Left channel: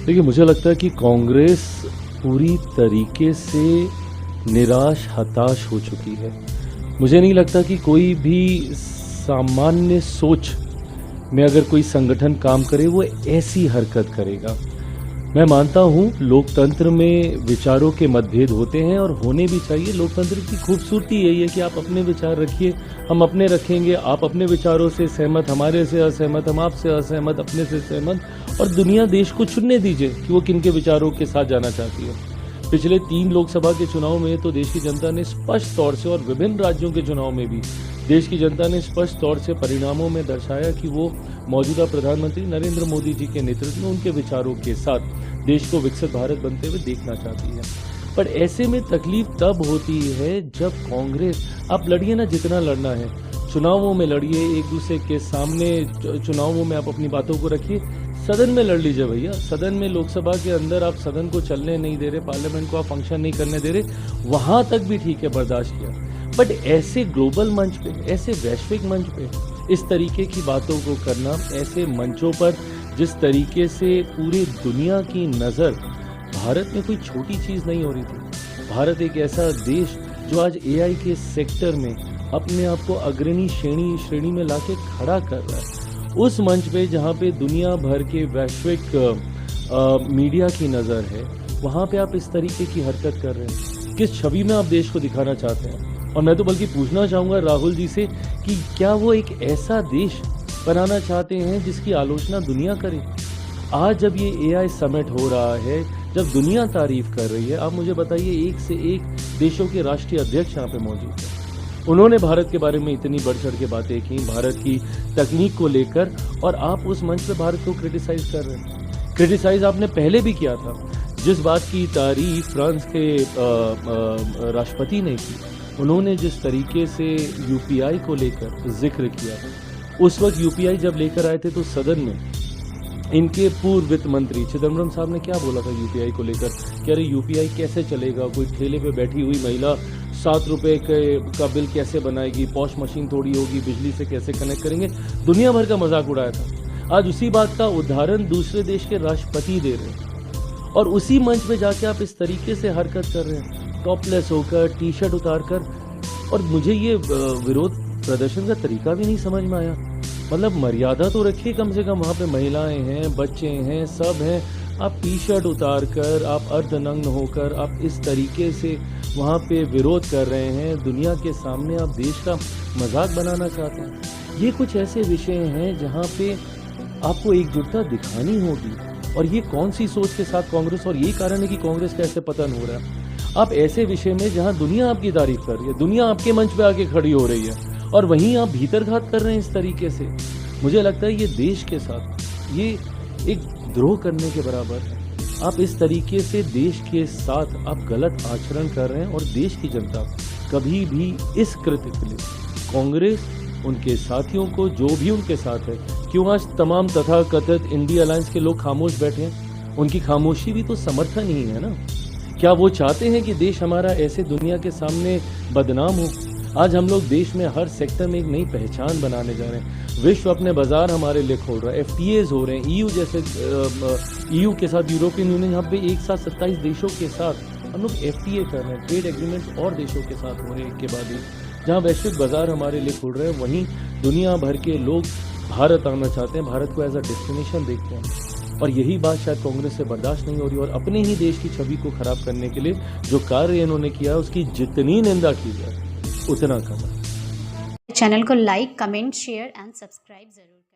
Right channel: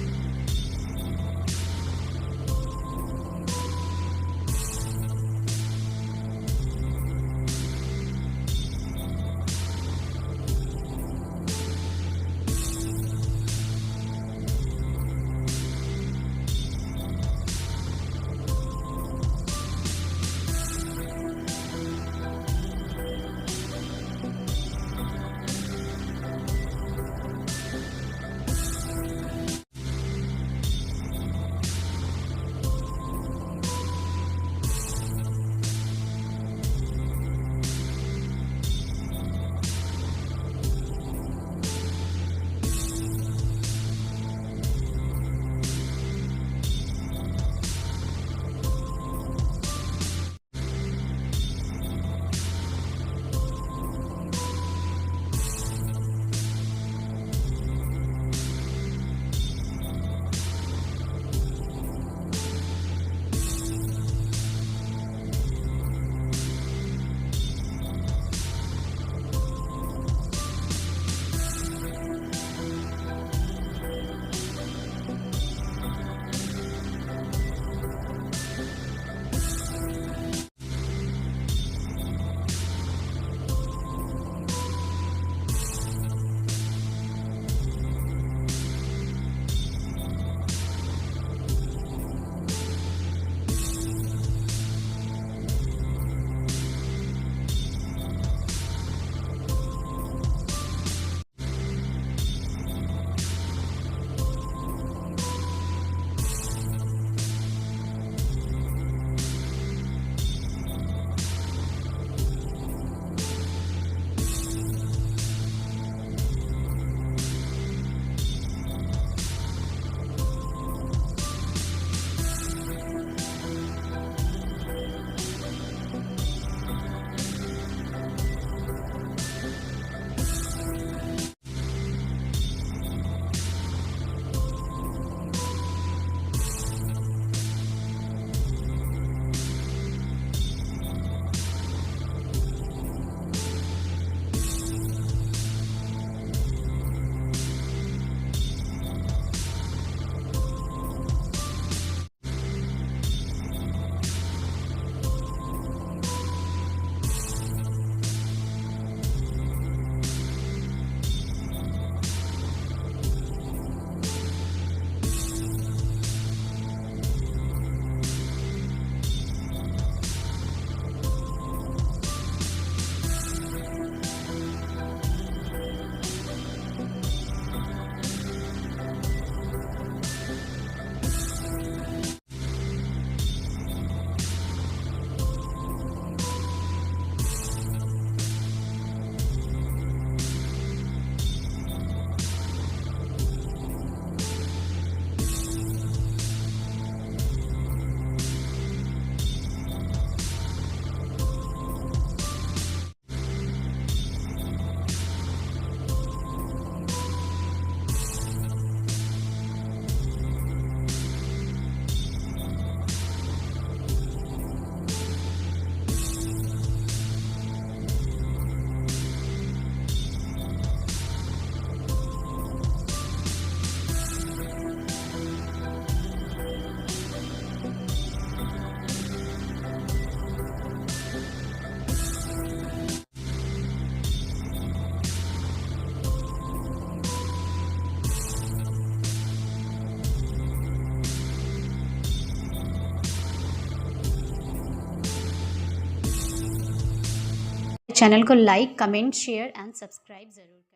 देखिए, मुझे लगता है कि कांग्रेस पूरी तरीके से निराश, हताश हो चुकी है। मुझे नहीं लगता कि कोई भी सामान्य सोच में अगर कोई संगठन काम करे वो ऐसी हरकत करेगा। मैं मानता हूँ लोकतंत्र में विचारों के मतभेद होते हैं और होने भी चाहिए। लोकतंत्र की खूबसूरती यही है कि आप अपने विचार रखिए, हम अपने रखेंगे, आप अपने विचारों से सहमत, हमारे से असहमत, हम आपसे असहमत, अपने से सहमत, और दुनिया देश को चुनने दीजिए कि वो किन के विचारों के साथ जाना चाहती है। पिछले 3 लोकसभा के चुनाव में तो देश की जनता ने स्पष्ट तौर से, और विभिन्न राज्यों के चुनाव में भी देश की जनता ने स्पष्ट तौर से परिणामों में दर्शाया कि वो मौजूदा प्रधानमंत्री नरेंद्र मोदी जी के नेतृत्व में उनके विचारों के साथ देश को विकसित भारत बनते हुए देखना चाहती है। पर ऐसे में तकलीफ तब होती है जब कांग्रेस, आप लड़िए ना जितना लड़ना है, चुनावों में लड़िए, एक दूसरे के सामने चुनावों में आप अपनी बातों को रखिए, सदन में लड़ लीजिए भैया। सदन में, लोकसभा के अंदर आप सदन को चलने नहीं दे रहे, पार्लियामेंट को आप फंक्शन नहीं करने दे रहे, वहां तक भी ठीक है, बर्दाश्त किया। बट ऐसे ग्लोबल मंच पे, ऐसे वैश्विक मंच पे इस तरीके की बातों को करना, ऐसे मंचों पर जिस तरीके से पूरी दुनिया की नज़र भारत में कोई छोटी चीज़ नहीं हो रही थी। भारत एक ऐसा देश जो आज एआई के सेक्टर में अपने आप को अग्रणी श्रेणी में लाके खड़ा कर रहा है। उस मंच पे जहाँ पे दुनिया भर के वैश्विक मीडिया की नज़र है, वहाँ पे आप इस तरीके की हरकत कर रहे हैं। किस छवि में आप देश को दिखाना चाहते हैं? और मैं तो बल्कि पूछना चाहूँगा राहुल जी से कि क्या वो एक ऐसा देश बनाना चाहते हैं जिसकी आलोचना दुनिया करे? आज जब ये एआई समिट हो रहा है, जब दुनिया तारीफ कर रही है, आप मुझे बताइए, एक से एक देशों के राष्ट्रीय अध्यक्ष यहाँ पे मौजूद हैं। उन्होंने भारत के बारे में इतनी बढ़ चढ़ के बातें की, भारत की तकनीक को लेकर, और आप उस मंच पर भारत को क्रिटिसाइज कर रहे हैं। क्रिटिसाइज आपने पहले भी किया था। जिस बात की तारीफ फ्रांस के राष्ट्रपति ने की, उन्होंने जिस तरीके से यूपीआई को लेकर जिक्र किया, उस वक्त यूपीआई जब लेकर आए थे तो सदन में इनके पूर्व वित्त मंत्री चिदम्बरम साहब ने क्या बोला था यूपीआई को लेकर कि अरे यूपीआई कैसे चलेगा, कोई ठेले पे बैठी हुई महिला 7 रुपए का बिल कैसे बनाएगी, पॉश मशीन थोड़ी होगी, बिजली से कैसे कनेक्ट करेंगे, दुनिया भर का मजाक उड़ाया था। आज उसी बात का उदाहरण दूसरे देश के राष्ट्रपति दे रहे हैं, और उसी मंच पे जाके आप इस तरीके से हरकत कर रहे हैं, टॉपलेस होकर, टी शर्ट उतार कर। और मुझे ये विरोध प्रदर्शन का तरीका भी नहीं समझ में आया। मतलब मर्यादा तो रखिए कम से कम, वहाँ पे महिलाएं हैं, बच्चे हैं, सब हैं। आप टी शर्ट उतार कर, आप अर्धनग्न होकर आप इस तरीके से वहाँ पे विरोध कर रहे हैं, दुनिया के सामने आप देश का मजाक बनाना चाहते हैं। ये कुछ ऐसे विषय हैं जहाँ पे आपको एकजुटता दिखानी होगी। और ये कौन सी सोच के साथ कांग्रेस, और यही कारण है कि कांग्रेस का ऐसे पतन हो रहा है। आप ऐसे विषय में जहां दुनिया आपकी तारीफ कर रही है, दुनिया आपके मंच पे आके खड़ी हो रही है, और वहीं आप भीतरघात कर रहे हैं इस तरीके से। मुझे लगता है ये देश के साथ ये एक द्रोह करने के बराबर। आप इस तरीके से देश के साथ आप गलत आचरण कर रहे हैं, और देश की जनता कभी भी इस कृत्य के लिए कांग्रेस, उनके साथियों को, जो भी उनके साथ है, क्यों आज तमाम तथाकथित इंडी अलायंस के लोग खामोश बैठे हैं? उनकी खामोशी भी तो समर्थन ही है ना। क्या वो चाहते हैं कि देश हमारा ऐसे दुनिया के सामने बदनाम हो? आज हम लोग देश में हर सेक्टर में एक नई पहचान बनाने जा रहे हैं। विश्व अपने बाजार हमारे लिए खोल रहा है, एफटीएज हो रहे हैं, ईयू जैसे ईयू के साथ, यूरोपियन यूनियन, यहाँ पे एक साथ 27 देशों के साथ हम लोग एफटीए कर रहे हैं, ट्रेड एग्रीमेंट और देशों के साथ हो रहे हैं। इनके बाद में जहाँ वैश्विक बाजार हमारे लिए खुल रहे हैं, वहीं दुनिया भर के लोग भारत आना चाहते हैं, भारत को एज अ डेस्टिनेशन देखते हैं। और यही बात शायद कांग्रेस से बर्दाश्त नहीं हो रही, और अपने ही देश की छवि को खराब करने के लिए जो कार्य इन्होंने किया, उसकी जितनी निंदा की जाए उतना कम। चैनल को like, comment, share and subscribe जरूर।